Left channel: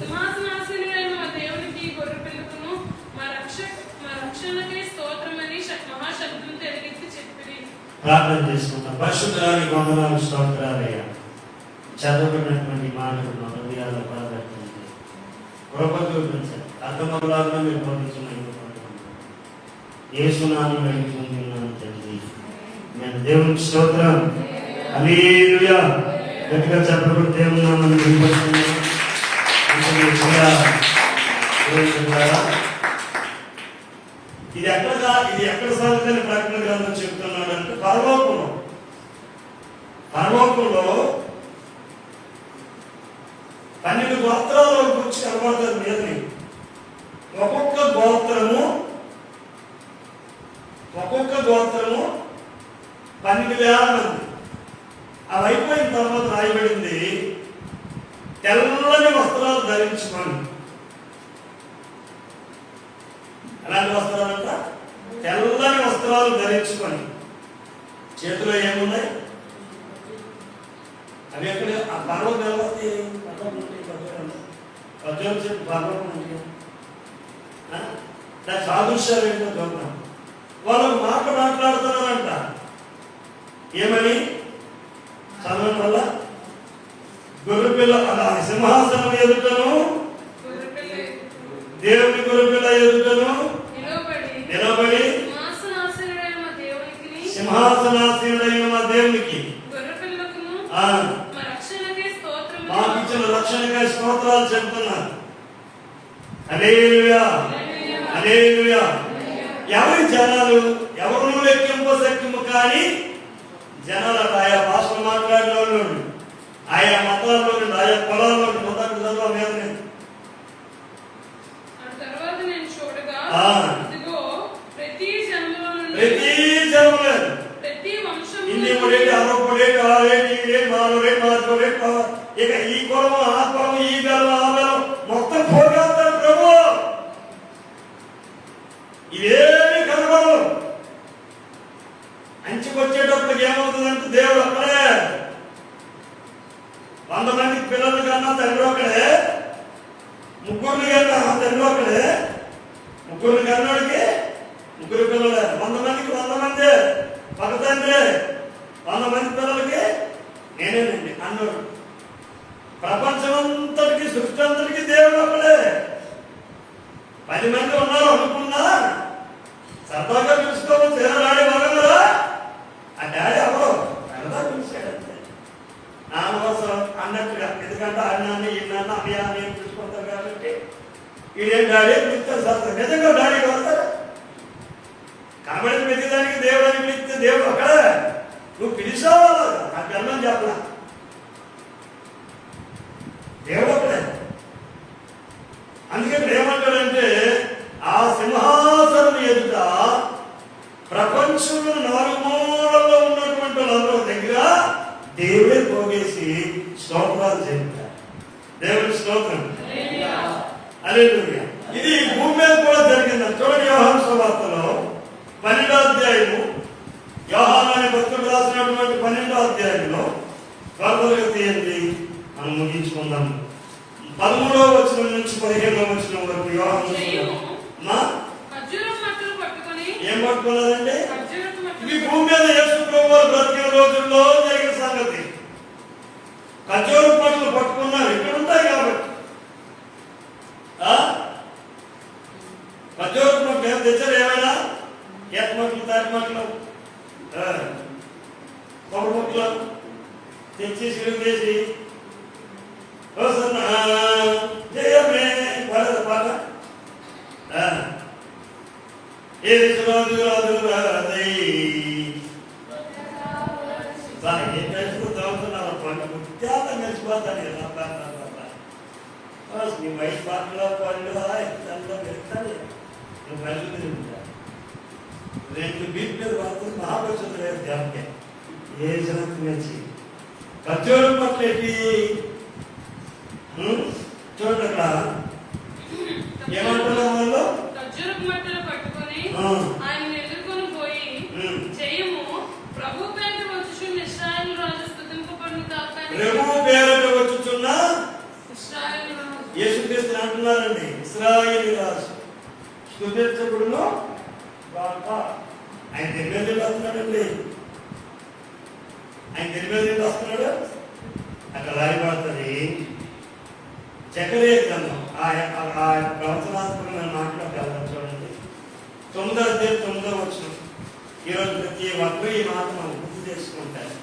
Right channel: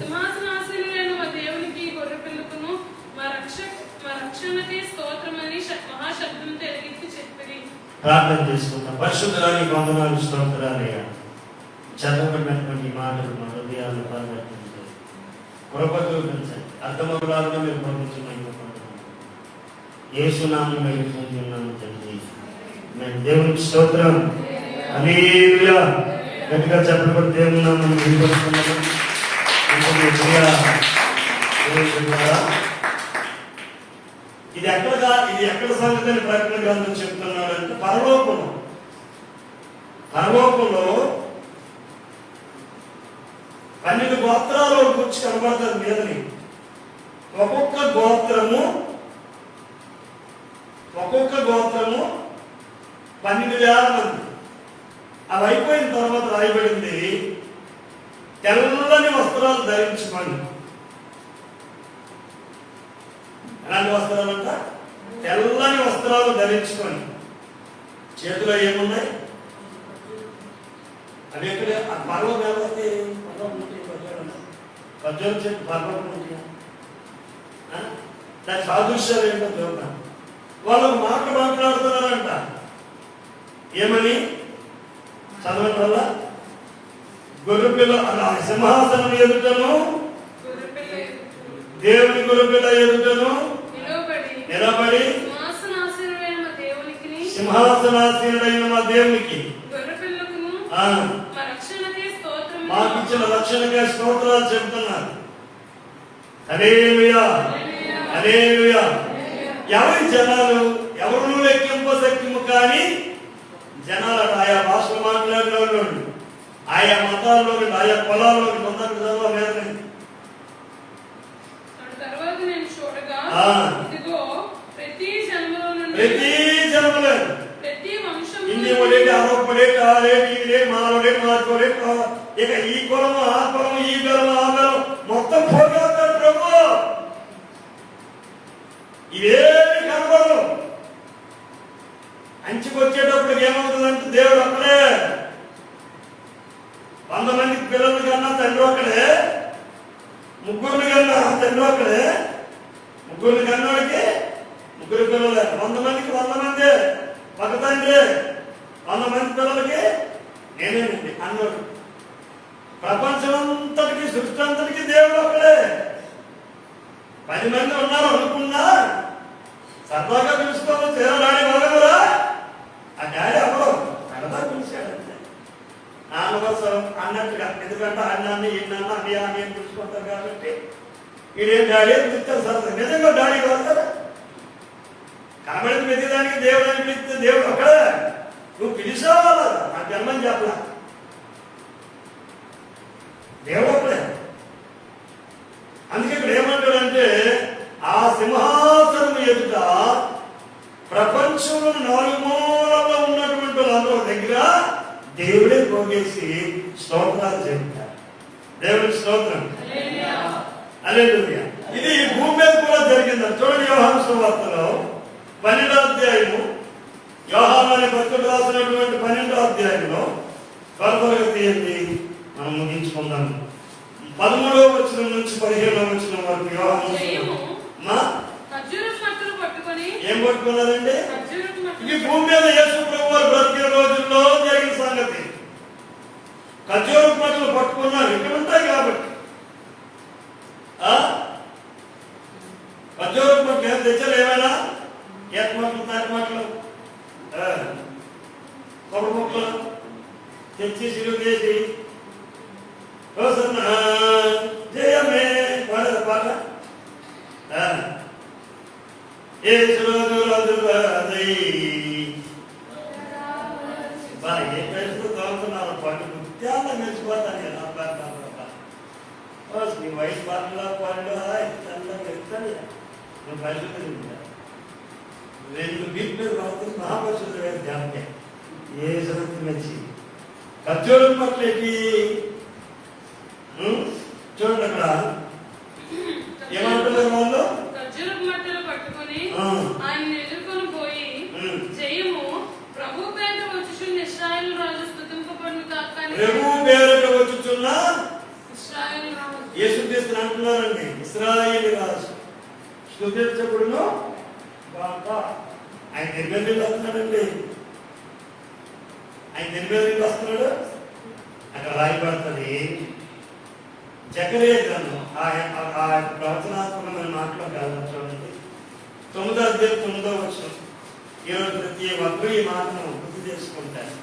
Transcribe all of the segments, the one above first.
సింహాసనాసీనుడైన మా దేవునికి గొర్రెపిల్లకును మా రక్షణకే స్తోత్రమని మహాశబ్దం ఎలుగెత్తి చెప్పిరి. ప్రార్థన చేసుకుంటాం. పరిశుద్ధానికి వందనాలు, స్తోత్రాలయ్యా. చదవబడినటువంటి మాటలు మా హృదయాల్లో పరివర్తించండి, కృప చూపించండి, అర్థమవులాగా మీరు పంపించమని యేసునామములో వేడుకుంటున్నాము తండ్రి. మేము దేవునికి స్తోత్రం. హల్లెలూయా. గట్టిగా చెప్పబడి దేవుని నామమును వినిపిస్తున్నాము. ఇది ఎక్కడ సంగతి అని ప్రకటన గ్రంథం చెప్తున్నాడు అంటే పరలోకంలో 12 గోత్రాలు వచ్చి కనబడతారు మీదని. ఒక్కొక్క గోత్రము 12,000 మంది. అవి అయిపోయిన తర్వాత రాయబడింది, తెల్లని వస్త్రాలు ధరించుకొని. ఎలాంటి వస్త్రాలంట? తెల్లని వస్త్రాలు ధరించుకొని. చేతిలో ఏమున్నాయి? అవి ఎక్కడ? ఆ పర్వం కాబట్టి ఖర్జూరం చెప్పి పర్వం ఉంటాయి. దాని సాదృశ్యాలు ఏంటో చూద్దాం. వాళ్ళు మాట్లాడుతున్నారంట. ఏమని చదవడం వల్ల? గొర్రెపిల్ల అలా సింహాసనం ఎదుటను దేవుని గొర్రెపిల్ల ఎదుటను నిలబడి సింహాసనాసీనుడైన మా దేవునికి మాకిచ్చిన రక్షణకై స్తోత్రాలు చెబుతున్నారు. హల్లెలూయా, హల్లెలూయా. ఎవరి జనాలు? ఎవరు లెక్కింపశక్యము కానీ జనాలు ఆయా భాషలు మాట్లాడిన వాళ్ళు, ఆయా మతాల్లో నుండి, ఆయా పొలాల్లో మొదటి చదవలేదని. ప్రతి జన్మలో ఇంటి మొదటి ఆరోపడేటి ఆడేటి ఈడేటి మారోడేటి మార్కోడేటి, ఇక ఈ కులం ఆ కులం, ఈ బలం ఆ బలం మొత్తం పోగలుగుతారు ప్రభు. ఇవేమి కనబడవు. అంచుకొచ్చేటప్పటికి ఏమవుతుందంటే దేవుడు ఒక్కడే. 100 మంది పిల్లల కన్నా తండ్రి ఒక్కడే, 3 కన్నా తండ్రి ఒక్కడే, 3 కన్నాడికి 3 పిల్లలే. 100 మందికి 100 మంది ఒక తండ్రి, 100 మంది పిల్లలకి నేనేనండి అన్నాడు. ప్రపంచమంతటికి, సృష్టి అంతటికి దేవుడు ఒక్కడే. 10 మంది ఉన్నారు అనుకున్నా సరదాగా పిలుచుకోవచ్చు. ఏదో డాడీ బలగలరా? ఆ డాడీ ఎవరు? సరదా పిలిచాడంతే, నాన్న కోసం అన్నట్టుగా. ఎందుకంటే అన్నాన్ని ఇన్నాన్న అని అని పిలుచుకుంటారు కాబట్టి ఈడేం డాడీ పిలుస్తారు సరదా. నిజంగా డాడీ కలుగుతారా? కాబట్టి ప్రతిదానికి దేవుడు అని పిలిస్తే దేవుడు అక్కడే. నువ్వు పిలిచావాలా? నా జన్మని చెప్పలా. దేవుడు అక్కడే. అందుకే ఇక్కడ ఏమంటాడంటే, ఆ సింహాసనం ఎదుట ప్రపంచంలో 4 మూలల్లో ఉన్నటువంటి వాళ్ళందరూ దగ్గర దేవుడే పోగేసి స్తోత్రాలు చేస్తారు. దేవుడికి స్తోత్రం. హల్లెలూయా. ఇది భూమి మీద కూడా జరిగిందని చూడండి. యోహాను సువార్తలో 12వ అధ్యాయము, యోహాను అనే భక్తుడు రాసినటువంటి 12వ అధ్యాయంలో త్వరగా తీయండి, మనం ముగించుకుందాం. 13వ వచనం నుంచి 15వ వచనం వరకు యోహాను. ఏం పట్టుకున్నారండి? ఇవి భూమి మీద యేసు ప్రభువు బ్రతికే రోజుల్లో జరిగిన సంగతి. ఖర్జూర పట్టులు పట్టుకున్నారు, ఇక్కడ ఉంటాయి కాబట్టి. ఖర్జూర పట్టు ఏం తెచ్చారు? ఏమైనా ఏత మట్లు, తాటి మట్లు, కొబ్బరి ముక్కలు తెచ్చి సిలువ చేసి జయమే పడదు పాట. ఏసు రోజు రోజు ఏ పెంచుకు తాగుతున్నావు పండు ముత్యాల మెచ్చిపోతాను. నీ వయసు పాటలో పండు అలా ఇస్తాను పెడతాను. నువ్వు కలుగుతుంది ఉంటా 2 బీట్ మీద పడుతుంది. మహాపరిశుద్ధ వేరు దేవకే ఏ జరుగుతు మెచ్చి ఖర్జూరం పట్లేటి చూడండి. అక్కడ ఏమంటున్నారు వాళ్ళు? ప్రభు పేరట వచ్చుచున్న అంటున్నారండి, ఇశ్రాయేలు రాజు స్తుతించబడును గాక. ఆయన దేని మీద వస్తున్నాడండి? ఆయన దేని మీద వస్తున్నాడు? అక్కడ రాయబడుతుంది జకరియా గ్రంథం ఆ ప్రవచనాత్మకమైన మాటలోకి వెళ్ళడం చూడండి. 9వ అధ్యాయం 9వ వచనం. ఈరోజు ప్రతి ఒక్కరు ఈ మాటను గుర్తు చేసుకుంటారు.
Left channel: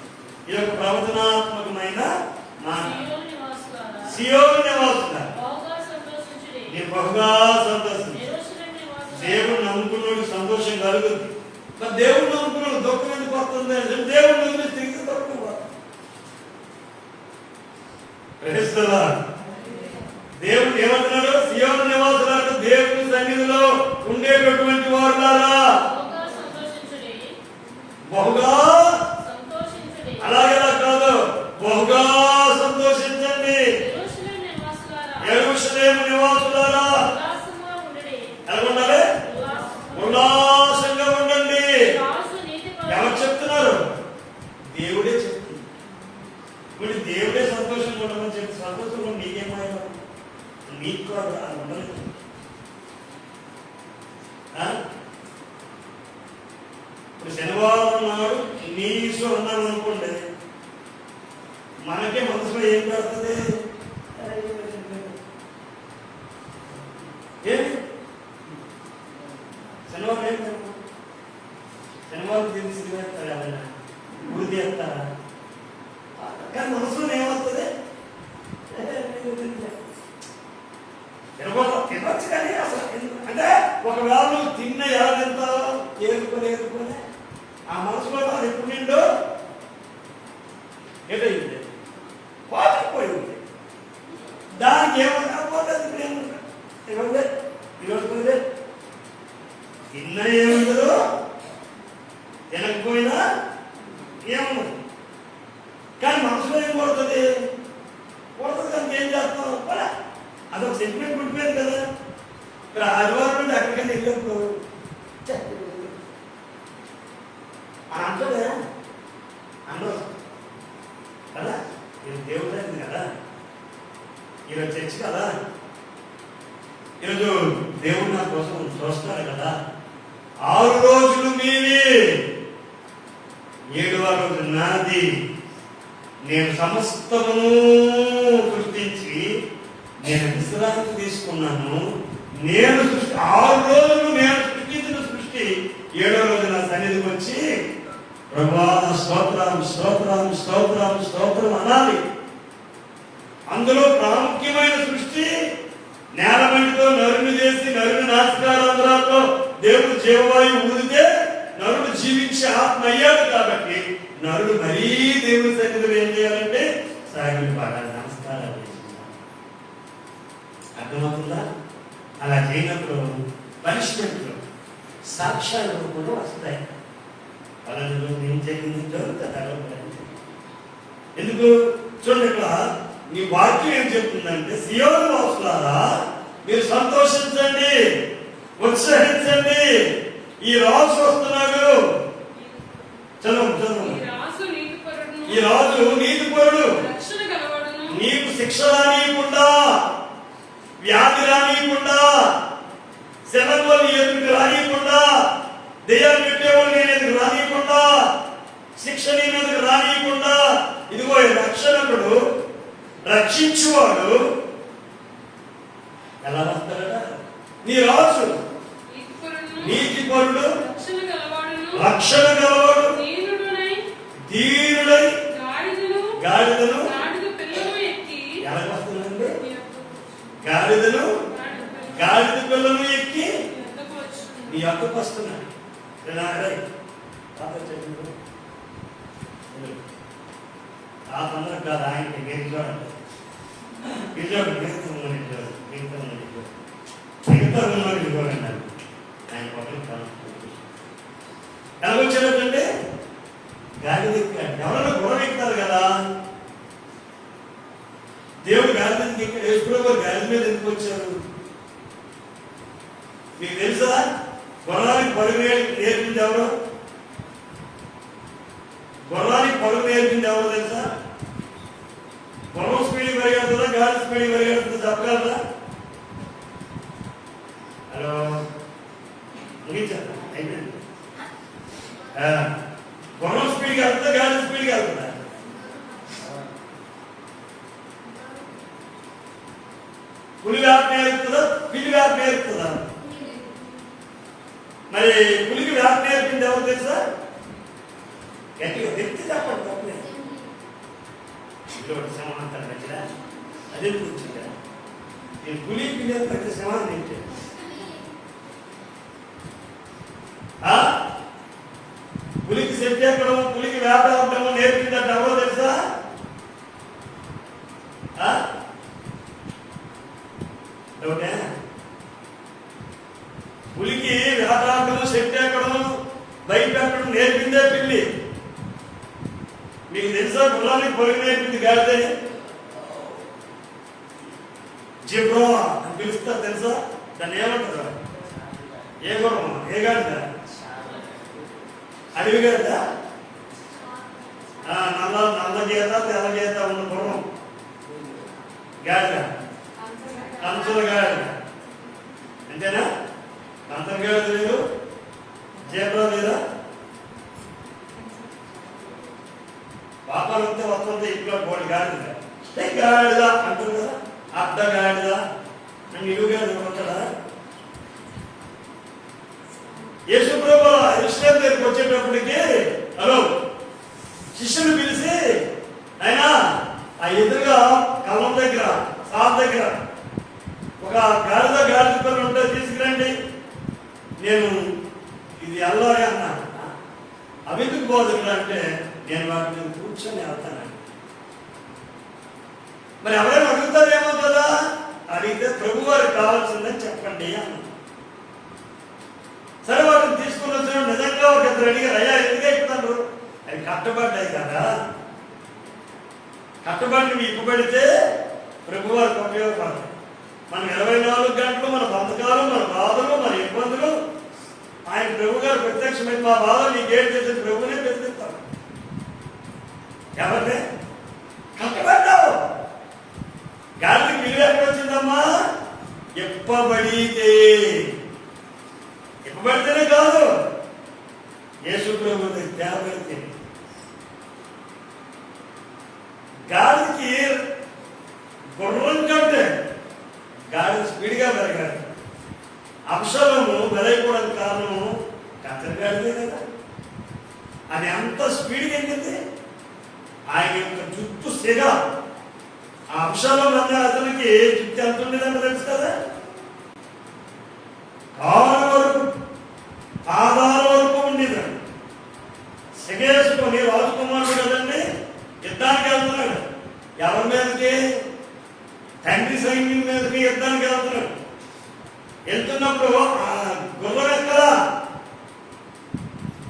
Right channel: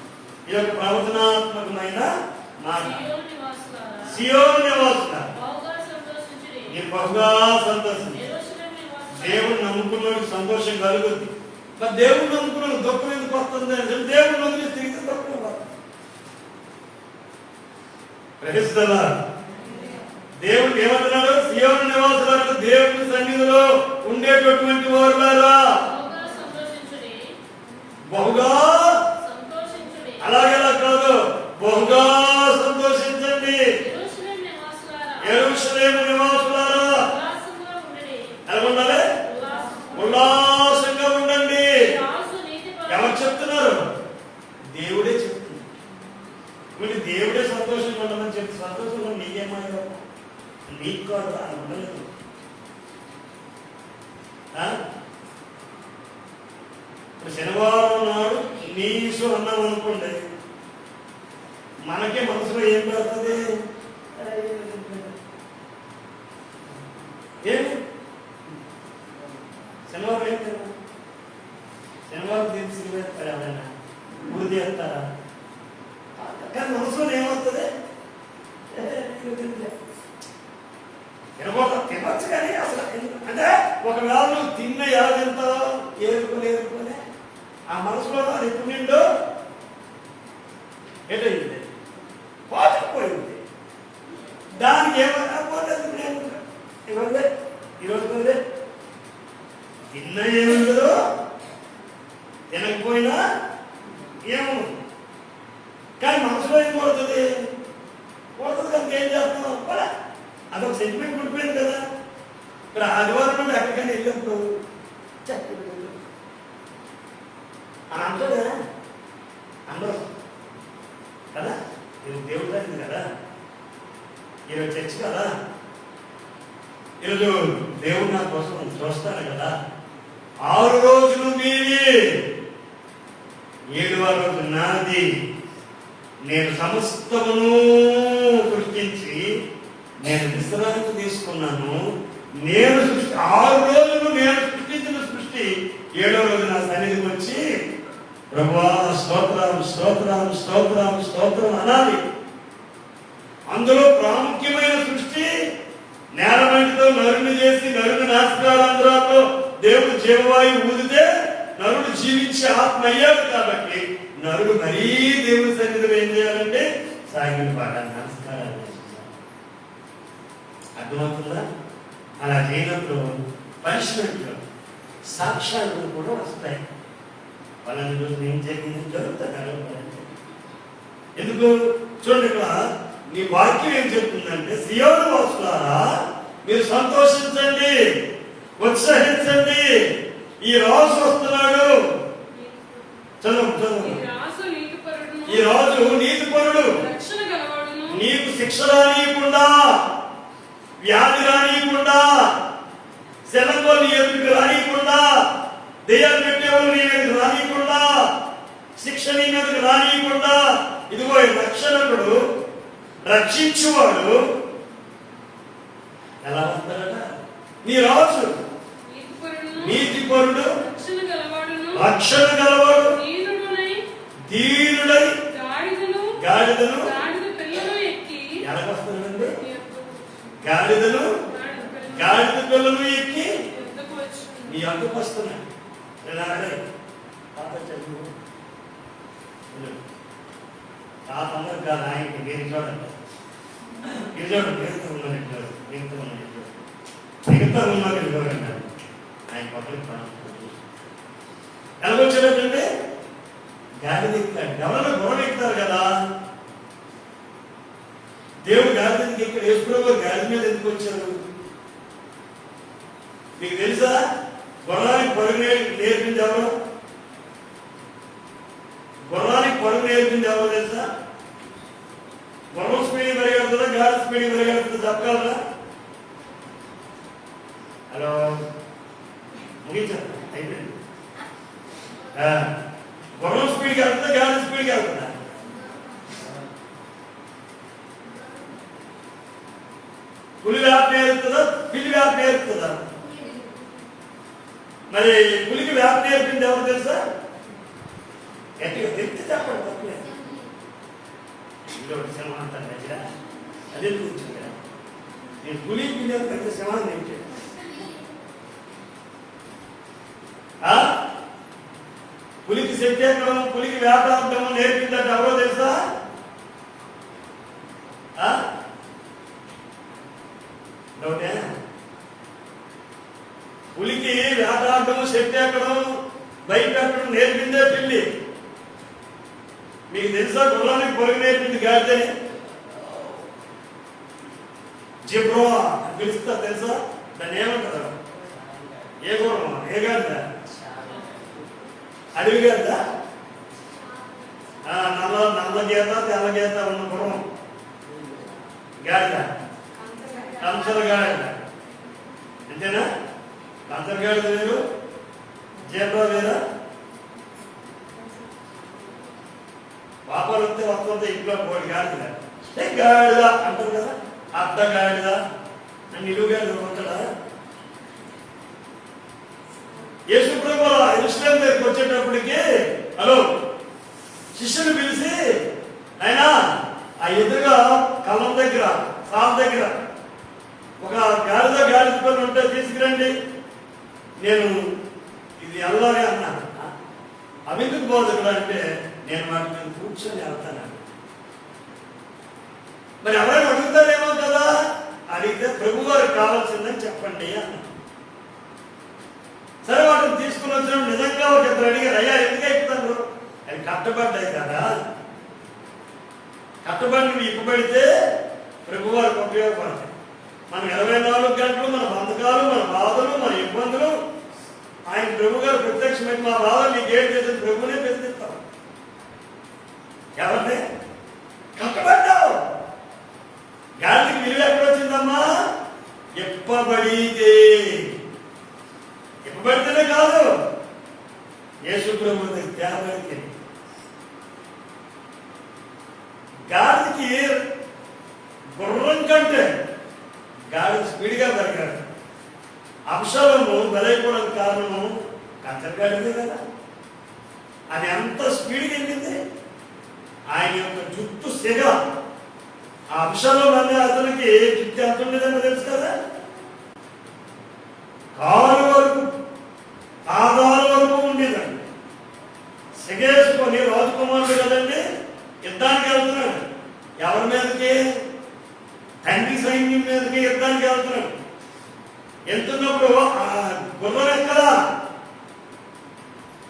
ఇది ఒక ప్రవచనాత్మకమైన మాట. సియోను నివాసులారా మీరు బహుగా సంతోషించండి. దేవుడు నమ్ముకున్నోడికి సంతోషం కలుగుతుంది. మరి దేవుడు నమ్ముకున్నాడు దుఃఖం ఎందుకు వస్తుంది అంటే దేవుడు వదిలి తిరిగి దుఃఖం వస్తుంది. దేవుడు ఏమంటున్నాడు? సియోను నివాసులారా దేవుని సన్నిధిలో ఉండేటటువంటి వారులారా బహుగా, అలాగేలా కాదు, బహుగా సంతోషించండి. యెరూషలేము నివాసులారా ఎలా ఉండాలి? ఉల్లాసంగా ఉండండి. ఎవరు చెప్తున్నారు? దేవుడే చెప్తున్నారు. ఇప్పుడు దేవుడే సంతోషంగా ఉండమని చెప్పి సంతోషంలో మీకేమాయో మీకు కూడా ఉండలేదు. ఇప్పుడు శనివారం నాడు నీసు అన్నాం అనుకోండి, మనకే మనసులో ఏం పడుతుంది? ఏమి శనివారం ఏం శనివారం తీసి సినిమేస్తారా? ఎవరైనా గురి చేస్తారా? కానీ మనసులో ఏమవుతుంది? తినవచ్చు కానీ అసలు అంటే ఒకవేళ నువ్వు తిన్న ఎలా తింటావు ఏరుకోలేరుకోనే ఆ మనసులో అది ఎప్పుడు నిండు ఏంటంటే పోయి ఉంది. దానికి ఏమైనా పోతుంది. ఈరోజు తిన్న ఏముండదు, తినకపోయినా ఏముండదు. కానీ మనసులో ఏం కొడుతుంది? కానీ ఏం చేస్తాం? పోలే, అదొక సెంటిమెంట్ పుట్టిపోయింది కదా. ఇక్కడ ఆదివారం నుండి ఎక్కడికైనా వెళ్ళినప్పుడు అని అంటుందా? అందరూ కదా, ఇది దేవుడు అయింది కదా, ఈరోజు చర్చ కదా, ఈరోజు దేవుడు నా కోసం చూస్తాడు కదా. 6 రోజులు మీవి, 7వ రోజు నాది. నేను సమస్తమును సృష్టించి నేను విశ్రాంతి తీసుకున్నాను. నేను 6 రోజులు నేను సృష్టించిన సృష్టి 7వ రోజు నా సన్నిధికి వచ్చి ప్రభువా స్తోత్రాలు స్తోత్రాలు స్తోత్రాలు స్తోత్రం అనాలి. అందులో ప్రాముఖ్యమైన సృష్టి నేలమంటితో నరుని చేసి నరుని నాసికారంధ్రాలతో దేవుడు జీవవాయువు ఊదితే నరుడు జీవించి ఆత్మ అయ్యాడు. కాబట్టి నరుడు మరీ దేవుని సన్నిధిలో ఏం చేయాలంటే సాగిలి పాడాలి, నమస్కారాలు. అర్థమవుతుందా? అలా చేయనప్పుడు పనిష్మెంట్లు సాక్ష్యాలు కూడా వస్తాయి. వాళ్ళని రోజు ఏం జరిగింది జరుగుతుంది. ఎందుకు చూడండి, ఇక్కడ నీ వాక్యం ఏం చెప్తుందంటే సియోను వాసులారా మీరు సంతోషించండి, ఉత్సహించండి, ఈ రాజు వస్తున్నాడు. చదువు. ఈ రాజు నీతిపరుడు, నీకు శిక్ష రానియకుండా, వ్యాధి రానియకుండా, శరణతో నీ ఎదురుకు రానియకుండా, దెయ్యాలు పెట్టేవాడు నీ ఎదురు రానియకుండా, శిక్ష నీ మీదకు రానియకుండా, ఇదిగో రక్షకుడు రక్షించువాడు ఎలా వస్తాడట? నీ రాజు నీతిపరుడు, రక్షణ గలవాడు, దీనుడై గాడిదను ఎలాగొస్తాడండి? గాడిద పిల్లలు ఎక్కి నీ అక్కకు వస్తున్నాడు. తాత అందరూ కాదు, ఆయనకి మీరు చూడండి, మిగతా ఉన్నట్టు చూడండి. ఆయన ఒకరికి ఎలాగొచ్చాడంటే గాడిద ఎక్కాడు. ఎవరైనా గొడవ ఎక్కుతారు కదా, దేవుడు గాడిదకి ఎక్కడ యేసుప్రభువు గాడిద మీద ఎందుకు వచ్చారు మీకు తెలుసా? గుర్రానికి పరుగు నేర్పింది ఎవరు? గుర్రానికి పరుగు నేర్పింది ఎవరు తెలుసా? గుర్రం స్పీడ్ పెరిగెడుతుందా, గాడి స్పీడ్ పెరిగెడుతుందా చెప్పగలరా? హలో ముగించేద్దాం, అయిపోయింది. గుర్రం స్పీడ్కి వెళ్తుందా, గాడి స్పీడ్కి వెళ్తుందా? పులి వేప నేర్పుతుందా, పిల్లి వేప నేర్పుతుందా? మరి పులికి వేప నేర్పింది ఎవరు తెలుసా? గట్టిగా తెచ్చి చెప్పండి, తప్పలేదు. సమానంతారు మధ్య అదే కూర్చుంటా. నేను పులి పిల్లి పెద్ద సమానం ఏంటి? పులికి శక్తి ఎక్కడం, పులికి వేటాడటం నేర్పిందంటే ఎవరో తెలుసా? డౌటే. పులికి వేటాడటం, శక్తి ఎక్కడం, భయపెట్టడం నేర్పిందే పిల్లి. మీకు తెలుసా గుర్రానికి పొరుగు నేర్పింది గాడిదని? జిబ్రో అని పిలుస్తారు తెలుసా? దాన్ని ఏమంటారు? ఏ గుర్రం, ఏ గాడిద? అడవి గాడిద, నల్ల గీత తెల్ల గీత ఉన్న గుర్రం గాడిద, కంచల గాడిద. అంతేనా? కంచల గాడిద వేరు, జీబ్రా వేరా? పాపాలు ఉంటే వస్తుంటే ఇంట్లో కోడి గాడిద గాడిద అంటారు కదా, అర్ధ గాడిద అని నిలువుగాడిద ఉంటాడా? యేసు ప్రభువు యెరూషలేము దగ్గరికి వచ్చేటప్పటికి హలో శిష్యుని పిలిచి, ఆయన ఆ ఎదురుగా కళ్ళం దగ్గర, సాల్ దగ్గర ఒక గాడిద పిల్ల ఉంటే తీసుకురండి, నేను ఇది వెళ్ళాలి అన్నాను. అవిందుకు బోధకుడు అంటే నేను వాటి మీద కూర్చొని వెళ్తాను. మరి ఎవరైనా అడుగుతారేమో కదా, అడిగితే ప్రభు వారికి కావాల్సిందని చెప్పండి అన్నాను. సరే వాటిని తీసుకుని వచ్చిన నిజంగా ఒక ఇద్దరు అడిగారు, అయ్యా ఎందుకు ఎక్కుతారు? అది కట్టబడ్డాయి కదా, కట్టబడి ఇప్పబడితే ప్రభు వారికి ఉపయోగపడతాయి. మనం 24 గంటలు మన బంధకాలు, మన బాధలు, మన ఇబ్బందులు ఆయన ప్రభు గారు ప్రత్యక్షమైన మా బాధలు నీకేం చేసిన ప్రభునే బెదిరిస్తాం. ఎవరిని కట్టబడ్డావు? గాలికి విలువ ఎక్కడ వచ్చిందమ్మా? ఇప్పబడితే. ఇప్పబడితేనే కాదు, యేసు ప్రభు త్యాగైతే. గాలికి గుర్రం కంటే గాలి స్పీడ్గా పెరగాలి. అబ్షలోము బలైపోవడానికి కారణము కత్తెరగాడిదే కదా. అది ఎంత స్పీడ్గా వెళ్ళింది. ఆయన యొక్క జుట్టు సిగ, ఆ అబ్షలోము అనే అతనికి జుట్టు ఎంత ఉండేదని తెలుసు కదా, కాలు వరకు, పాదాల వరకు ఉండేదండి. సిగేసుకొని రాజకుమారుడు కదండి యుద్ధానికి వెళ్తున్నాడు. ఎవరి మీదకి? తండ్రి సైన్యం మీదకి యుద్ధానికి వెళ్తున్నాడు. వెళ్తున్నప్పుడు ఆ గుర్రం ఎక్కడా?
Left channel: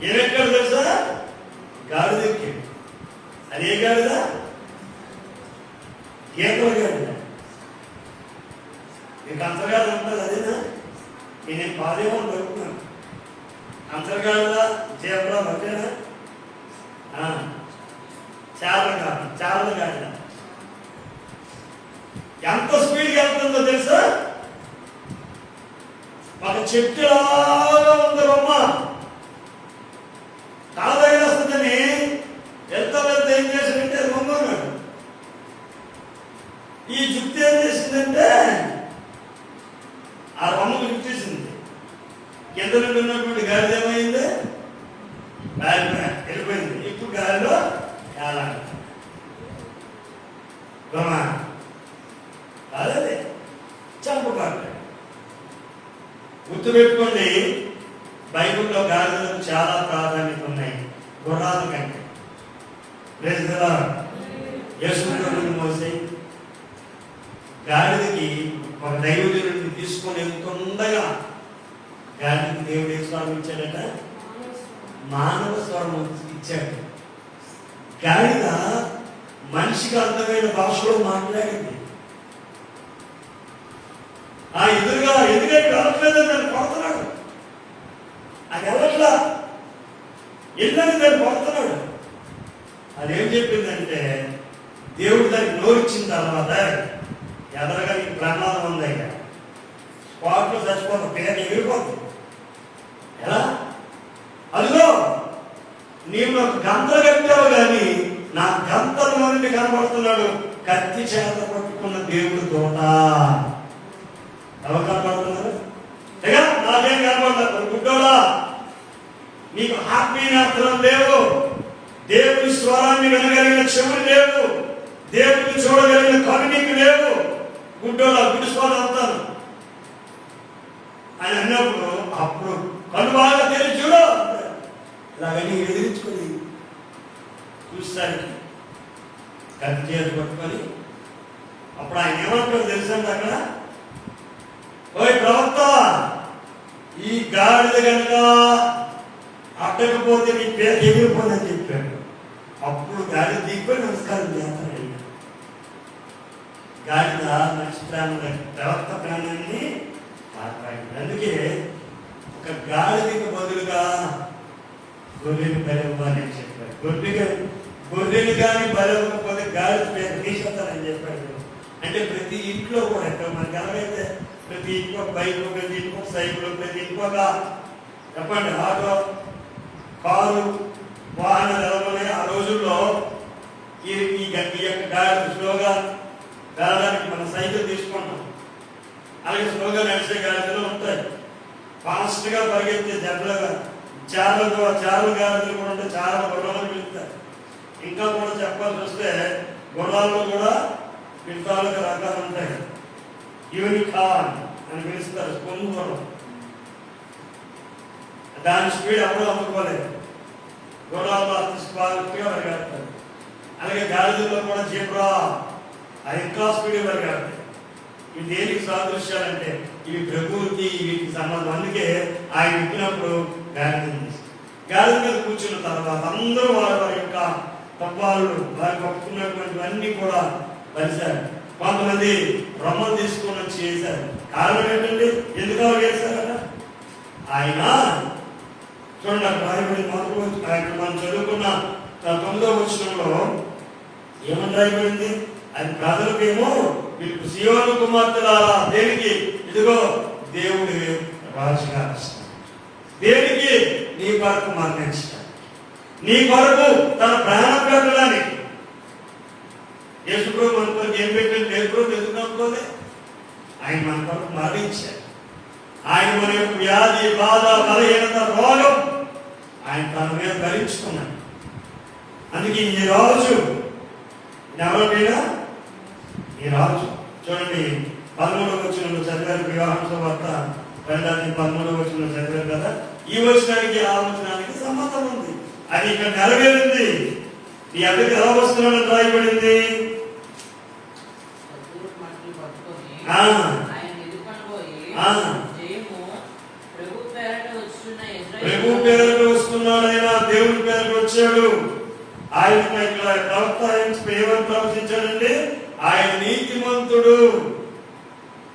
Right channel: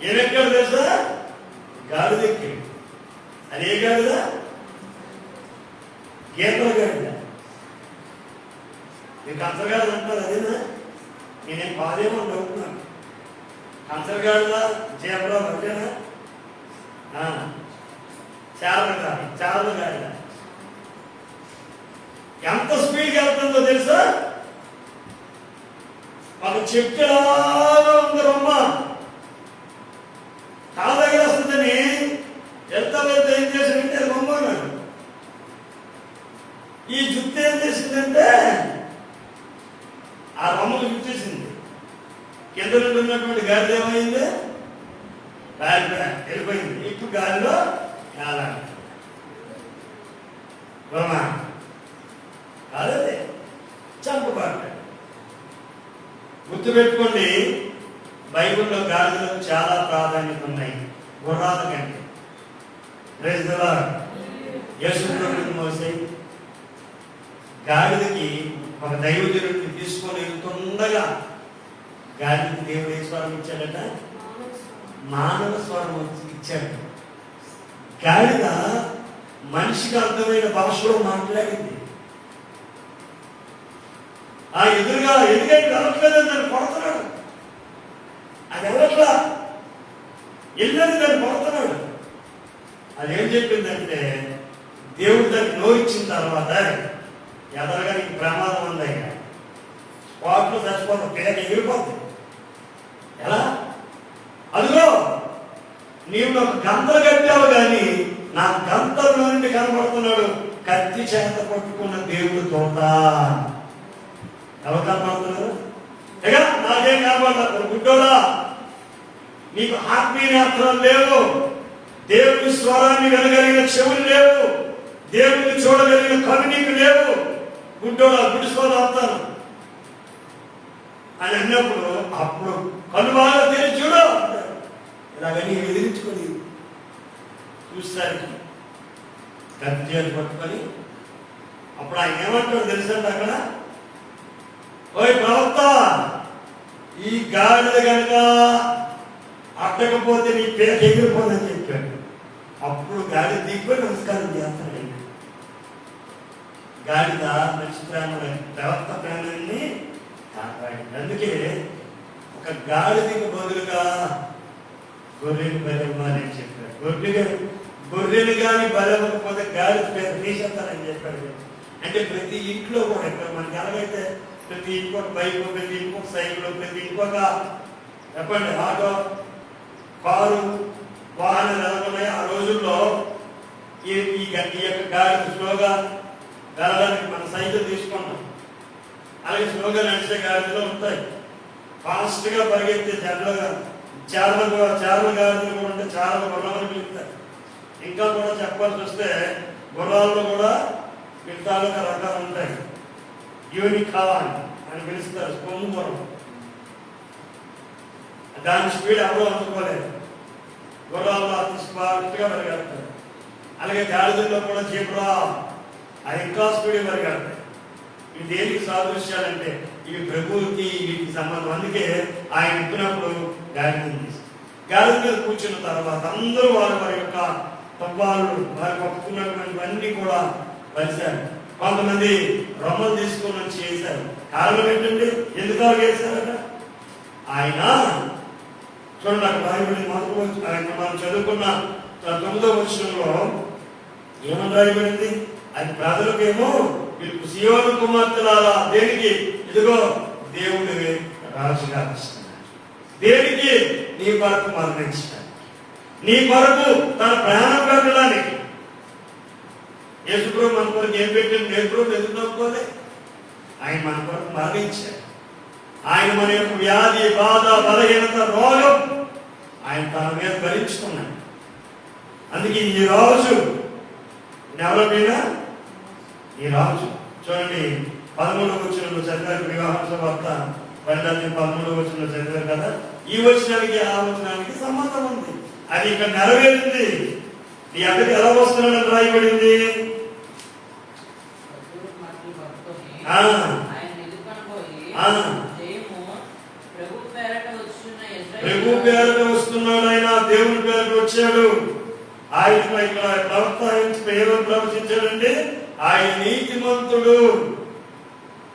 ఏమెక్కాడు తెలుసా? గాడిద ఎక్కాడు. అదే గాడిద గీతల గాడిద. మీకు అంతర్గాడిద అంటున్నారు అదేనా? నేనేం బాధేమో అనుకుంటున్నాను. అంతర్గాడిద జీబ్రా ఒకటేనా? చారల గాడిద ఎంత స్పీడ్గా వెళ్తుందో తెలుసా? ఒక చెట్టులాగా ఉంది రొమ్మ, తల దగ్గర వస్తుందని ఎంత ఏం చేసిందంటే రొమ్మన్నాడు. ఈ జుట్టు ఏం చేసిందంటే ఆ రొమ్మకు జుట్టేసింది. కింద నుండి ఉన్నటువంటి గాలి ఏమైంది? వెళ్ళిపోయింది. ఇప్పుడు గాలిలో కాలాలి రొమ్మ కాదే చంపబడ్డాడు. గుర్తుపెట్టుకోండి, బైబిల్లో గాడిదలకు చాలా ప్రాధాన్యత ఉన్నాయి గుర్రాల కంటే. Praise the lord. యేసు ప్రభువుని మోసే గాడిదకి ఒక దైవజనుడిని తీసుకొని వెళ్తుండగా గాడిదకి దేవుడు ఏ స్వరం ఇచ్చాడట? మానవ స్వరం ఇచ్చాడు. గాడిద మనిషికి అర్థమైన భాషలో మాట్లాడింది. ఆ ఎదురుగా ఎందుకంటే వెళ్ళట్లేదని దాన్ని కొడుతున్నాడు. అది వెళ్ళట్లా, వెళ్ళని దాన్ని కొడుతున్నాడు. అదేం చెప్పిందంటే దేవుడు దానికి నోరిచ్చిన తర్వాత ఎదరగా నీకు ప్రమాదం ఉందయ్యా, వాటిలో చచ్చిపోతాం, పేద ఎగిరిపోతుంది. ఎలా? అదిగో నీవు నాకు గంతలు కట్టావు కానీ నా గంతల నుండి కనబడుతున్నాడు కత్తి చేత పట్టుకున్న దేవుడి తోట. ఎవరు కనబడుతున్నారు? నాకేం కనబడతారు? గుడ్డోడా, నీకు ఆత్మీయ నేత్రం లేవు, దేవుని స్వరాన్ని వినగలిగిన చెవులు లేవు, దేవుడిని చూడగలిగిన కళ్ళు నీకు లేవు. గుడ్డోడా, గుడిసోడు అంటాను అని అన్నప్పుడు అప్పుడు కళ్ళు బాగా తెలిసి చూడు ఇలాగని ఎదిరించుకొని చూస్తానికి కత్తి చేతి పట్టుకొని అప్పుడు ఆయన ఏమంటాడు తెలుసండి అక్కడ, ఓయ్ ప్రవక్త, ఈ గాడిద కనుక అట్టకపోతే నీ పేరు ఎగిరిపోదని చెప్పాడు. అప్పుడు గాడిద దిగిపోయి నమస్కారం చేస్తాడు. గాడిద మంచి ప్రాణులు, ప్రవక్త ప్రాణాన్ని కాపాడింది. అందుకే ఒక గాడిదకి బదులుగా గొర్రెలు బలవ్వాలని చెప్పాడు. గొర్రెలు కానీ బలవకపోతే గాడిద పేరు తీసేస్తానని చెప్పాడు. అంటే ప్రతి ఇంట్లో కూడా ఎక్కడ మనకి ఎలాగైతే ప్రతి ఇంట్లో బైక్, ప్రతి ఇంట్లో సైకిల్, ప్రతి ఇంట్లో చెప్పండి ఆటో, కారు, వాహనాలు ఎవరున్నాయి ఆ రోజుల్లో ఈ యొక్క గాడి స్లోగా వెళ్ళడానికి మనం సైకిల్ తీసుకుంటాం. అలాగే స్లోగా నడిచే గాడిదలు ఉంటాయి, ఫాస్ట్ గా పరిగెత్తే జట్లుగా చార్ల గాడిదలు కూడా ఉంటాయి, చాలా గుర్రాలు పిలుస్తాయి. ఇంకా కూడా చెప్పాల్సి వస్తే గుర్రాల్లో కూడా పిలుతాలుగా రకాలు ఉంటాయి. యూనికాన్ అని పిలుస్తారు, కొమ్ము గుర్రం. దాని స్పీడ్ అప్పుడు అందుకోలేదు, గుర్రాల్లో అతి స్పాట్గా పరిగెడతారు. అలాగే గాడిదల్లో కూడా జీబ్రా అది ఇంకా స్పీడ్ పరిగెడతాయి. ఇవి దేనికి సాదృశ్యాలంటే ఇవి ప్రభువుకి వీటికి సంబంధం. అందుకే ఆయన ఇప్పినప్పుడు గాడిద మీద కూర్చున్న తర్వాత అందరూ వారి యొక్క తప్పాలు వారి పట్టుకున్నటువంటివన్నీ కూడా పరిశారు. కొంతమంది రొమ్మలు తీసుకొని వచ్చి చేశారు. కారణం ఏంటండి? ఎందుకు చేశారట? ఆయన చూడండి అక్కడ రాయబడి ఆయన మనం చదువుకున్న 9వ వచనంలో ఏమని రాయబడింది? అది ప్రజలకేమో వీళ్ళు సియోను కుమార్తెలారా, దేనికి? ఇదిగో దేవుడి రాజుగా వస్తున్నాడు. దేనికి? నీ కొరకు మరణించడానికి, నీ కొరకు తన ప్రాణం పెట్టడానికి. యేసుప్రభు మన కొరకు ఏం పెట్టండి? యేసుప్రభు ఎందుకు నమ్ముకోలే? ఆయన మన కొరకు మరణించాడు. ఆయన మన యొక్క వ్యాధి, బాధ, బలహీనత, రోగం ఆయన తన మీద భరించుకున్నాడు. అందుకే ఈ రాజు ఎవరిపైనా ఈ రాజు చూడండి 13వ వచనంలో చదివారు. వివాహం వార్త 13వ వచనంలో చదివారు కదా. ఈ వచనానికి ఆ వచనానికి సంబంధం ఉంది. అది ఇక్కడ నెరవేరింది. నీ అక్కడికి ఎలా వస్తున్నాడని రాయబడింది. ప్రభు పేరుట వస్తున్నాడు, ఆయన దేవుని పేరుట వచ్చాడు. ఆయన ఇక్కడ ప్రవక్త ఏమని ప్రవచించాడంటే ఆయన నీతిమంతుడు,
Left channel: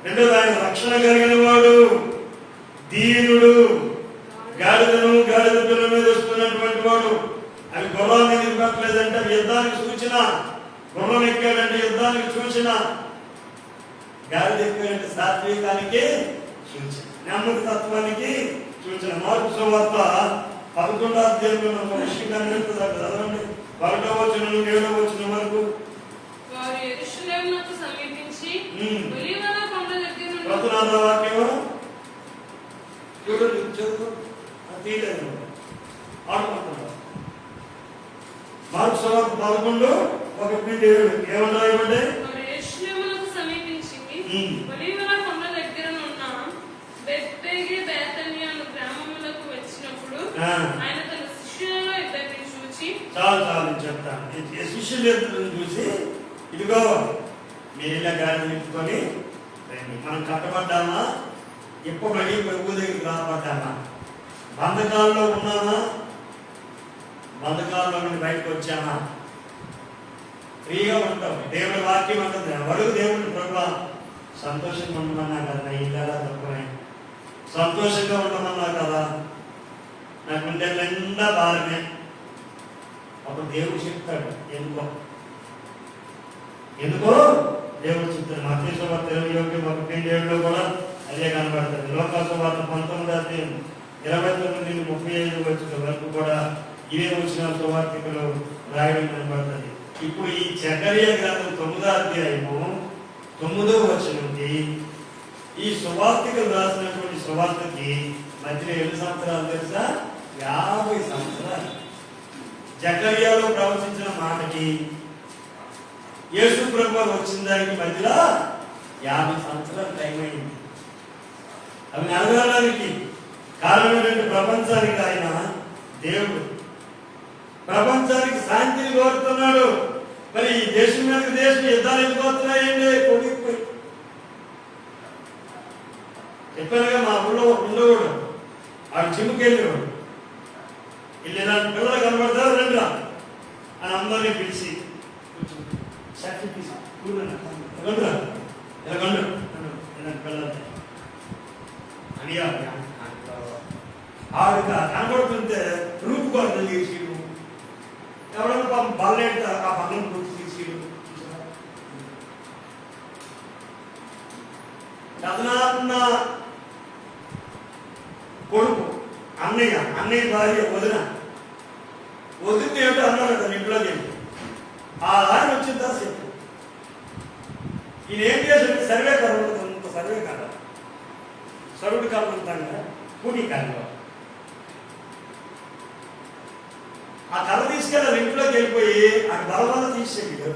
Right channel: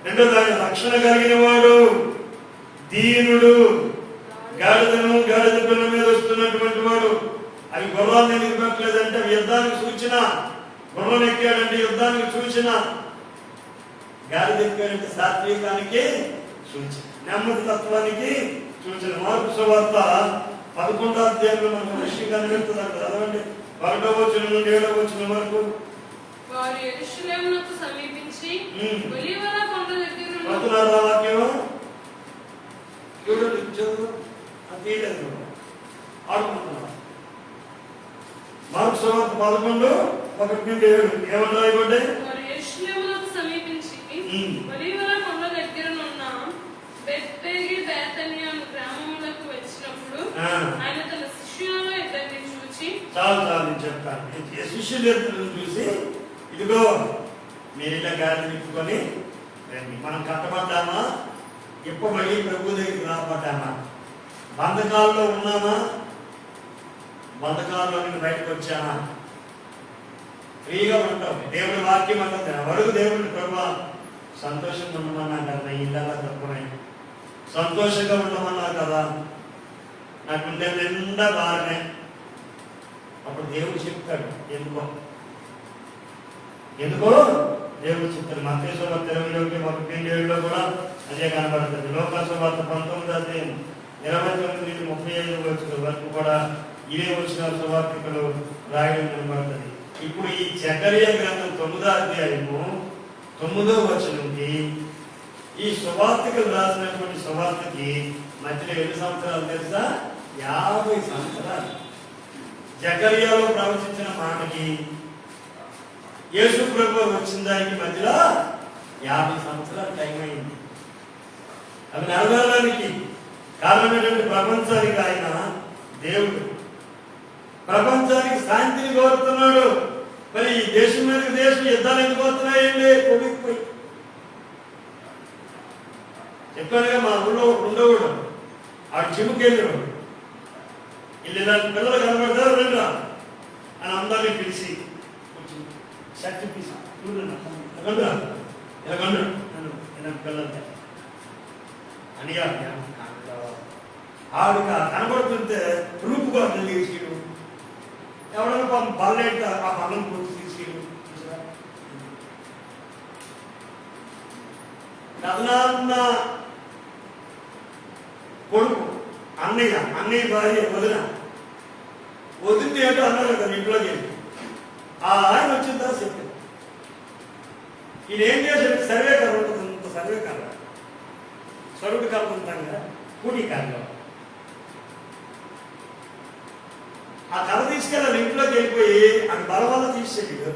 రెండోది ఆయన రక్షణ కలిగిన వాడు, దీనుడు, గాడిద పిల్ల మీద వస్తున్నటువంటి వాడు. అవి గుర్రాన్ని ఎందుకు పెట్టలేదంటే అవి యుద్ధానికి సూచన. గుర్రం ఎక్కాడంటే యుద్ధానికి సూచన, గాడిద ఎక్కాడంటే సాత్వికానికి సూచన, నెమ్మది తత్వానికి సూచన. మార్కు సువార్త 11వ అధ్యాయంలో మనకు విషయం కనిపిస్తుంది. అక్కడ చదవండి 1వ వచనం నుండి 7వ వచనం వరకు. వారు యెరూషలేమునకు సమీపించి ఒలీవల కొండ దగ్గర వాక్యం చూడండి, చదువు తీయలేదు ఆడుకుంటున్నాం. మార్కు సువార్త 11:1-7 ఏమని రాయబడ్డాయి? వారు యెరూషలేమునకు సమీపించి ఒలీవల కొండ దగ్గర ఉన్న బెత్ఫగే బేతనియా గ్రామములకు వచ్చినప్పుడు ఆయన తన శిష్యులలో ఇద్దరిని చూచి, చాలు నేను చెప్తాను. శిష్యులు ఇద్దరిని చూసి, ఇదిగో మీరు ఇలా గాడి నింపుకొని రండి. మనం కట్టబడ్డామా? ఇప్పబడి ప్రభు దగ్గరికి రాబడ్డామా? బంధకాల్లో ఉన్నామా? బంధకాల్లో నుండి బయటకు వచ్చామా? ఫ్రీగా ఉంటాం. దేవుడి వాక్యం అంటుంది, అడుగు దేవుడిని, ప్రభు సంతోషంగా ఉండమన్నా కదా, ఇల్లు తక్కువై సంతోషంగా ఉండమన్నా కదా, నాకుంటే నిండా బాగానే. అప్పుడు దేవుడు చెప్తాడు ఎందుకో దేవుడు చెప్తాడు. మత్తయి 20:21 కూడా అదే కనబడుతుంది. లోకాసు వార్త 19:29-35 వరకు కూడా ఇవే వచ్చిన సువార్తికలు రాయడం కనబడుతుంది. ఇప్పుడు ఈ జకరియా గ్రంథం 9వ అధ్యాయము 9వ వచనంకి ఈ సువార్తికలు రాసినటువంటి సువార్తకి మధ్యలో ఎన్ని సంవత్సరాలు తెలుసా? 50 సంవత్సరాలు. జకరియాలో ప్రవచించిన మాటకి యేసు ప్రభువు వచ్చిన దానికి మధ్యలో 50 సంవత్సరాలు టైం అయింది. అవి నెరవేరడానికి కారణమైనటువంటి ప్రపంచానికి ఆయన దేవుడు, ప్రపంచానికి శాంతిని కోరుతున్నాడు. మరి ఈ దేశం మీదకి దేశం యుద్ధాలు ఎందుకోతున్నాయండి? కొడుకుపోయి చెప్పానుగా, మా ఊళ్ళో ఉండేవాడు, ఆడు జిమ్కి వెళ్ళేవాడు. వెళ్ళి నాకు పిల్లలు కనబడతారు, రండి అని అందరినీ పిలిచి పిల్లలు అని ఆవిడ కనబడుతుంటే రూపుకోవాలి తీసిడు, ఎవడన్నా పాపం బాలేట ఆ పనులను పూర్తి తీసిడు. కథనాన్న కొడుకు అన్నయ్య భార్య వదిలితే ఏమిటో అన్నాడు కదా ఇంట్లోకి వెళ్ళి. ఆ ఆయన వచ్చిన తర్వాత చెప్పాడు, ఈయన ఏం చేశాడు? సర్వే కర్ర ఉంటుంది, అంత సర్వే కర్ర, సరుడు కర్ర ఉంటాగా, కూటి కర్ర. ఆ కర్ర తీసుకెళ్ళాలి ఇంట్లోకి వెళ్ళిపోయి అటు బలవల్ల తీసేడు.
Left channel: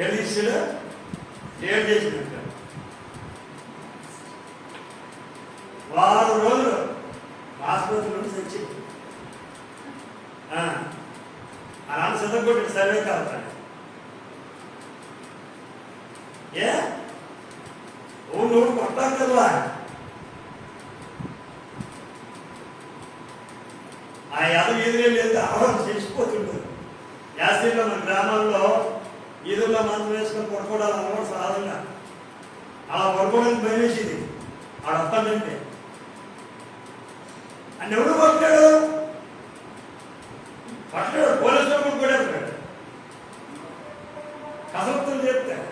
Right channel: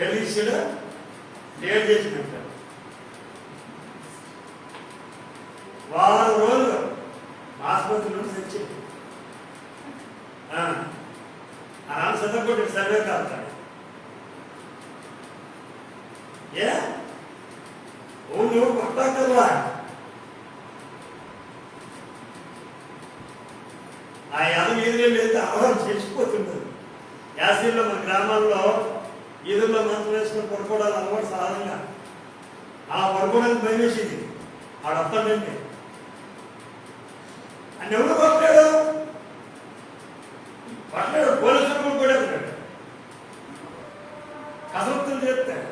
ఏడు తీసాడు? ఏడు చేసినట్టు వారం రోజులు ఆసుపత్రి నుండి తెచ్చింది. ఆ నాన్న చదువుకుంటే సర్వే కావుతాడు. ఏ నువ్వు కొట్టాకల్లా ఆ యాదవ్ ఎదురే వెళ్తే ఆహారం చేసిపోతుండదు. యాసీలో మన గ్రామాల్లో ఈదుల్లో మంచం వేసుకొని పడుకోవడాలు అలవాటు సాధారణంగా. అలా పడుకోవడానికి భయం వేసింది. ఆడొస్తాడంటే అని ఎవరు పట్టాడు పోలీసులు కూడా పడేస్తాడు. కసరత్తులు చేస్తాడు.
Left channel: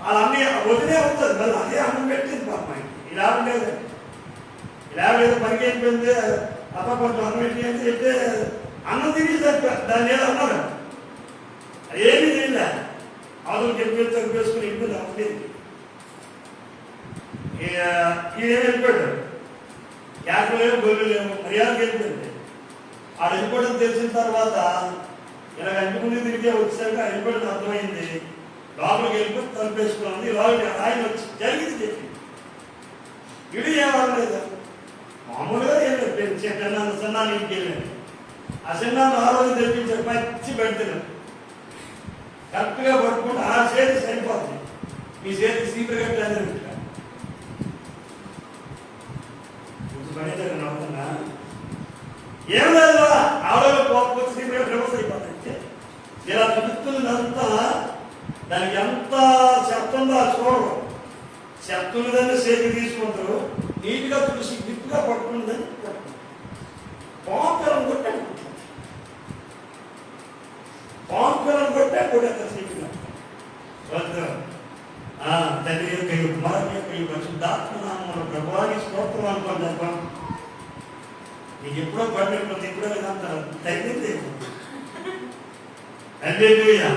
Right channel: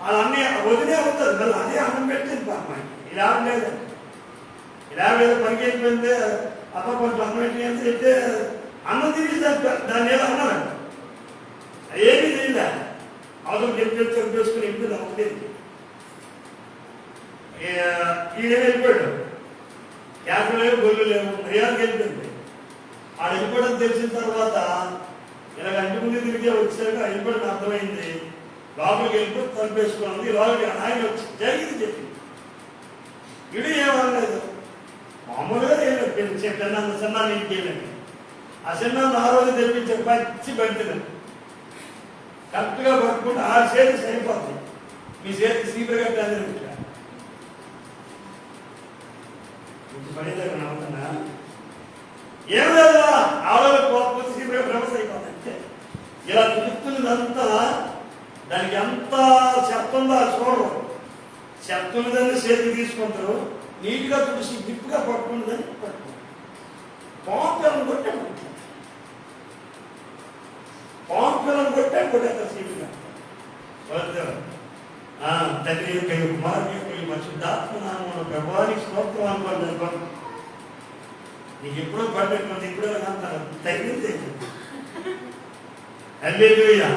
వాళ్ళన్నీ వదిలే అవుతుంది. మళ్ళీ అదే అన్నం పెట్టింది పాప. ఇలా ఉండేది, ఇలా ఏదో పనికి అయిపోయింది. అప్ప కొంచెం అన్నం పెట్టి అని చెప్తే అన్నం తిరిగి దాన్ని ఏదో అన్నారు. ఏమీ లేదా, అవతల గెలిపేసుకుని ఇంట్లో అవ్వలేదు. ఈయన వెళ్ళిపోయాడు. క్యాన్లు లేవు, గొల్లు లేవు, మర్యాద వెళ్ళిపోయింది. ఆడ వెళ్ళిపోవడం తెలిసిన తర్వాత ఇలాగ ఇంటి ముందు తిరిగి వచ్చాక వెళ్ళిపోవడం అర్థమైంది. లోపలికి వెళ్ళిపోయి తలిపేసుకున్నాం. లోపలికి ఆయన వచ్చి జరిగింది చెప్పి ఇడు ఏమనలేదు. మామూలుగా ఏం చిన్నాన్ని ఇంటికి వెళ్ళండి. ఆ చిన్నాన్ని ఆ రోజు తెప్పించారు, పచ్చి పెడుతున్నాను. కరెక్ట్గా పట్టుకుంటే ఆ చేతి సరిపోతుంది. మీ చేతి సీపర్ కట్టి అందరూ పడేదాన్ని నవ్వుతున్నా. ఏం లేదు, ఆరోగ్య కోపం సీపర్ భ్రమస్ అయిపోతుంది. ఇలా చూపుతున్నదంతా దానికి ఎంత చెత్తుందో చూడరు. చెత్తున్నదాన్ని చేతికి తీసుకుంటారు, నీట్గా తుడిసి గిప్పుగా పట్టుకున్నదని పట్టుకుంటారు. పాంపిల్లను కొట్టే కొట్టేస్తారు సీపీగా. తండ్రి యొక్క కుమారుని యొక్క ఈ పరిశుద్ధాత్మనామమున ప్రభువానికి స్తోత్రం అనుకోండి. నీకు ఎప్పుడో పడలేకపోతే ఎప్పుడో అంటారు తగ్గింది. హల్లెలూయా.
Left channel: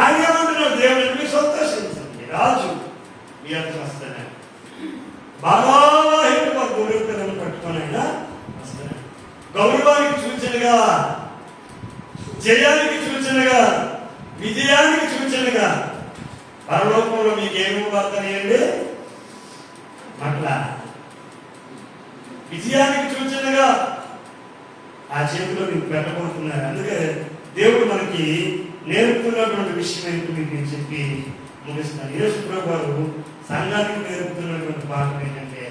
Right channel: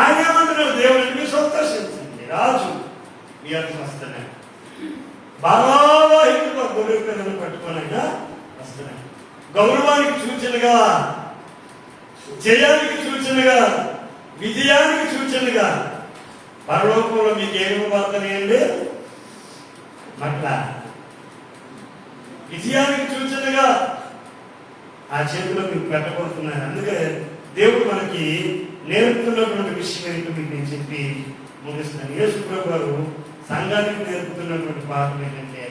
ఆయన ఏమంటున్నాడు? దేవుడిని మీ సంతోషించండి, రాజు మీ అంత వస్తున్నాడు. బాగా గొర్రె పిల్లలు పట్టుకోనైనా వస్తున్నాడు. గౌరవానికి సూచనగా, జయానికి సూచనగా, విజయానికి సూచనగా పరలోకంలో మీకు ఏమి వార్తనేయండి? మట్ల విజయానికి సూచనగా ఆ చేతిలో మీకు పెట్టబోతున్నారు. అందుకే దేవుడు మనకి నేర్పుతున్నటువంటి విషయం ఏంటో మీకు నేను చెప్పి ముగిస్తున్నాను. యేసు ప్రభు గారు సంఘానికి నేర్పుతున్నటువంటి పాఠం ఏంటంటే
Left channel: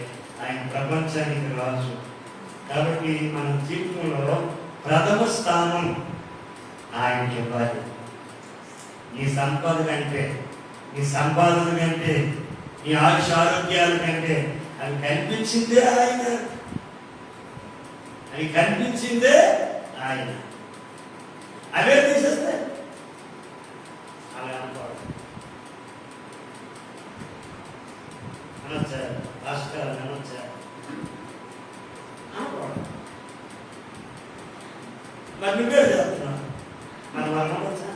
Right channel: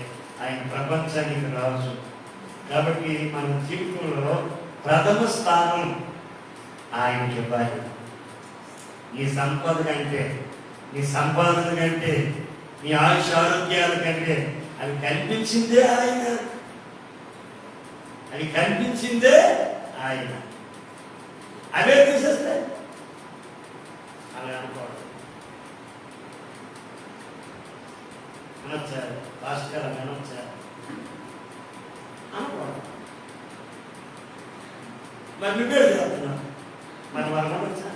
ఆయన ప్రపంచానికి రాజు. కాబట్టి మన జీవితంలో ప్రథమ స్థానం ఆయనకి ఇవ్వాలి. నీ సంపద కంటే, నీ సంపాదన కంటే, నీ ఆయుష ఆరోగ్యాల కంటే అవి కల్పించిందే ఆయన. అవే తీసేస్తాయి. అలా అనుకోవడం అనొచ్చా, భాస్కర్ అని అనొచ్చా అనుకోవడం. మరి నువ్వే చేస్తున్నావు, మరి మనం అనొచ్చా?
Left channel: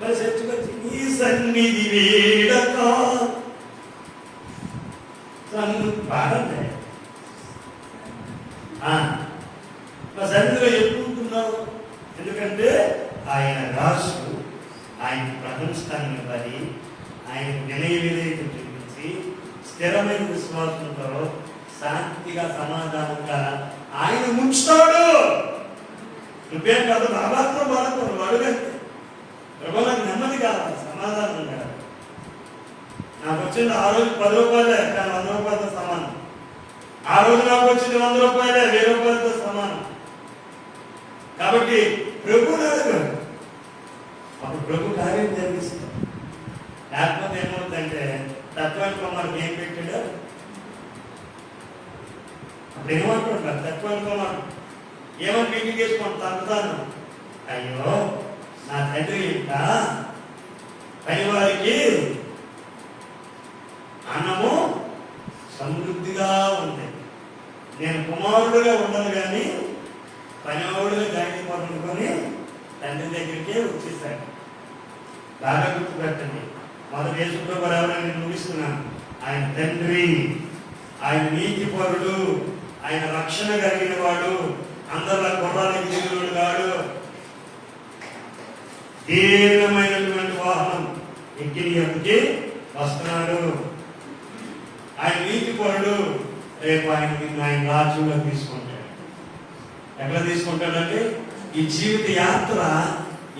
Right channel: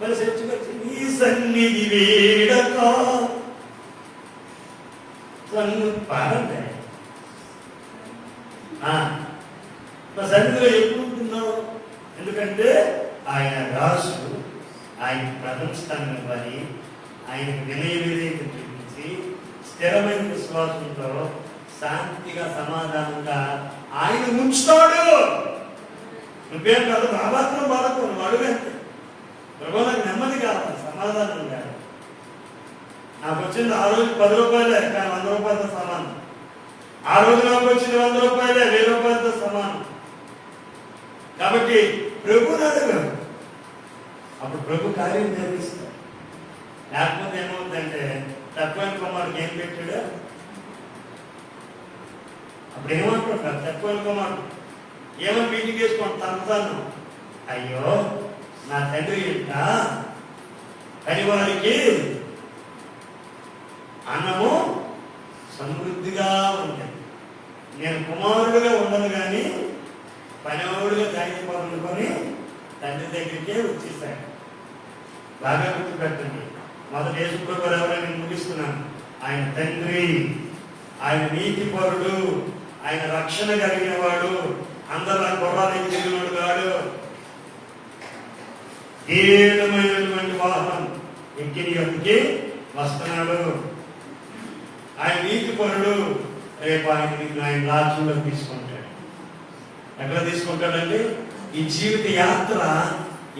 మరి చచ్చిపోయి నీ సన్నిధి వీడక బాగుంది. మా సన్నిధిలో చెప్పుకుంటున్నావు, ఎందుకంటే ఆయన రాజు, ఆయన ప్రథమ స్థానం ఇవ్వాలి, ఆయన వినయ విధేయత చూపించి స్థిరమైన విశ్వాసంతో శాంతిగా సమాధానంగా ఆయన ముంచుతాడు. నువ్వేం కాదు, నా మాత్రం బాధకు నువ్వు అడుగంటే ప్రభు నాకు నెమ్మది కావాలి, సమాధానం కాదు. నాకు వచ్చింది ఆ రోజు 10 రూపాయలే, కానీ 100 రూపాయలతో సమానం. ఆ రోజు నాకు వచ్చింది 100 రూపాయలే, 1000 రూపాయలతో సమానం. కాబట్టి ప్రభుని అడగడు, అప్పుడు ప్రభు కార్యం జరిగిస్తాడు. లేకపోతే ఏమవుతుందంటే తత్వానికి కుమారుడికి ఏం పెట్టాడు, అప్పుడు ఏమంటుంటారు తత్వానికి కుమారుడు ఏమని మీటింగ్ వేసుకోండి తనతాను, అయ్యో నా తండ్రి ఇంట పనివారికి అన్నము సమృద్ధిగా ఉంది, నేను కుమారుడుగా ఉండను కానీ పనివాడుగా జాగిపోతుండుకొని తండ్రి దగ్గరికే వచ్చేసాడు. బాగా గుర్తుపెట్టండి. మొదటి యేసుప్రభువు ఎవరైనా నేను ముగిస్తున్నాను. ఆయన తండ్రి, ఆయన నీతిపరుడు, ఆయన రక్షణ కలిగిన వాడు, అందరిలా గుర్రానికి దిగినోడు కాడు. దీనమైనటువంటి వాహనం ఎక్కి వస్తున్నాడు. ఆయన నీతిపరుడు. రేపు ఆయన నిన్ను ఆయన రాజ్యంలో తీసుకుంటాడు. ఎట్లా తీసుకుంటాడంటే ఈ జీవిత యాత్ర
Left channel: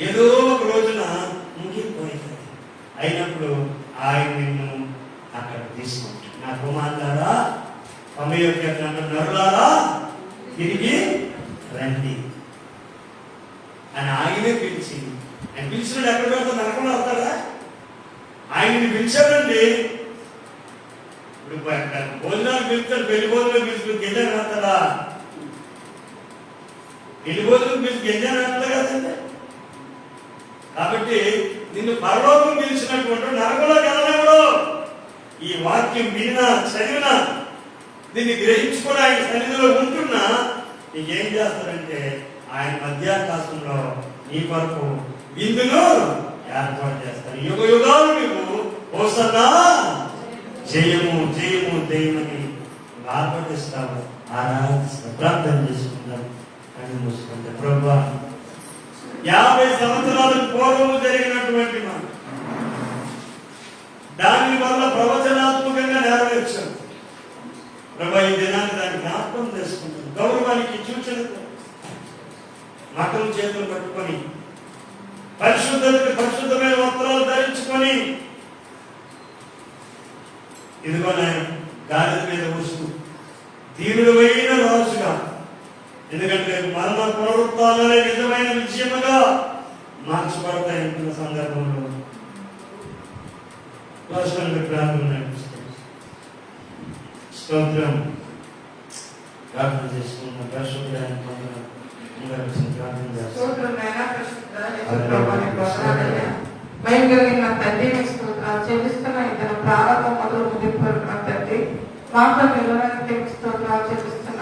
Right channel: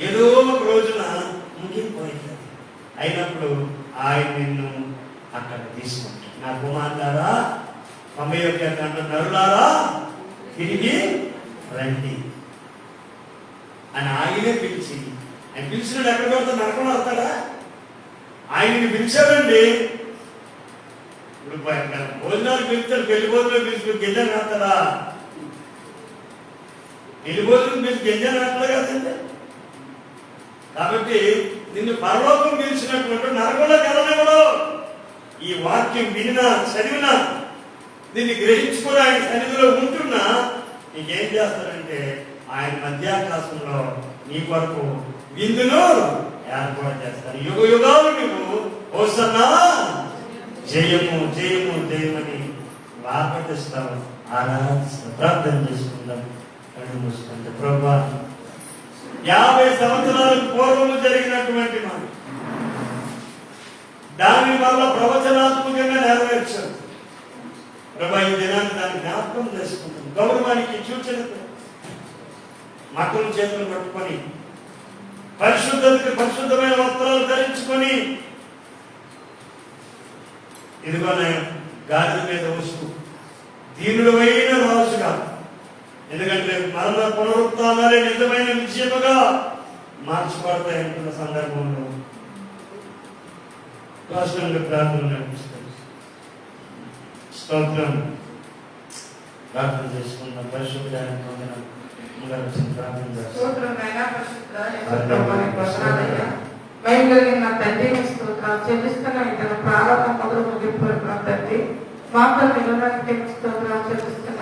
ఏదో ఒక రోజున ముగిపోయింది. అయినప్పుడు ఆయన నిన్ను అక్కడ తీసుకుంటాడు. నా కుమారులారా, 91 నరులారా తిరిగి రండి అని ఆయనే పిలిచి, ఆయన పిలిచినాడు. ఎక్కడ వెళ్తా నరకం అవుతాడా? ఆయన్ని పిలిచాడండి. ఇప్పుడు భోజనాలు పిలుస్తాడు, పెళ్లి భోజనం పిలిచి గిన్నెలు వేస్తాడా? పెళ్లి భోజనం పిలిచి గిన్నెలు వేస్తాడు కదండి. కాబట్టి నిన్ను పరలోకం పిలిచినటువంటి నరకంలోకి వెళ్ళనివ్వడు. ఈ వాక్యం వినినా చదివినా దీన్ని గ్రహించుకుని ఆయన సన్నిధిలో ఉంటున్నా నీకేం చేస్తాడంటే ఆయన మధ్యాకాశంలో నీ కొరకు విందును ఏర్పాటు చేస్తాడు. యుగ యుగాలు నువ్వు హోసన్నా జయము జయము జయమని ఆపటిస్తావు, ఆరాధిస్తావు. ప్రార్థన చేసుకుందాం, కళ్ళు మూసుకుంటే. ప్రభువా, 50 సంవత్సరాలకు పూర్వము జరిగినటువంటి దాని వల్ల ప్రవచనాత్మకంగా నెరవేర్చాను. ప్రభా, ఈ దినాన్ని దాన్ని జ్ఞాపకం చేసుకుంటాను. గౌరవానికి సూచనతో మతం చేతులు పట్టుకొని పరిశుద్ధతకి పరిశుద్ధమైన వస్త్రాలు ధరించుకొని ఇదిగో నేను గాడిద మీద వస్తూ దీనుడమైన రాజుగా, ఎందుకంటే మరణ పునరుత్థానాలే నిజమైన విజయముగా మార్చబడతాయంటున్న సందర్భంలో రాష్ట్రానికి ప్రార్థన నడిపిస్తుంది. స్తోత్రం. ప్రార్థన చేసుకుందాం. పరిశుద్ధమైన ప్రార్థన చెల్లిస్తున్న ఇతను ప్రారంభం మొదలు ముగింపు తండ్రి, మాపల్లి స్తోత్రాలు చెల్లిస్తున్న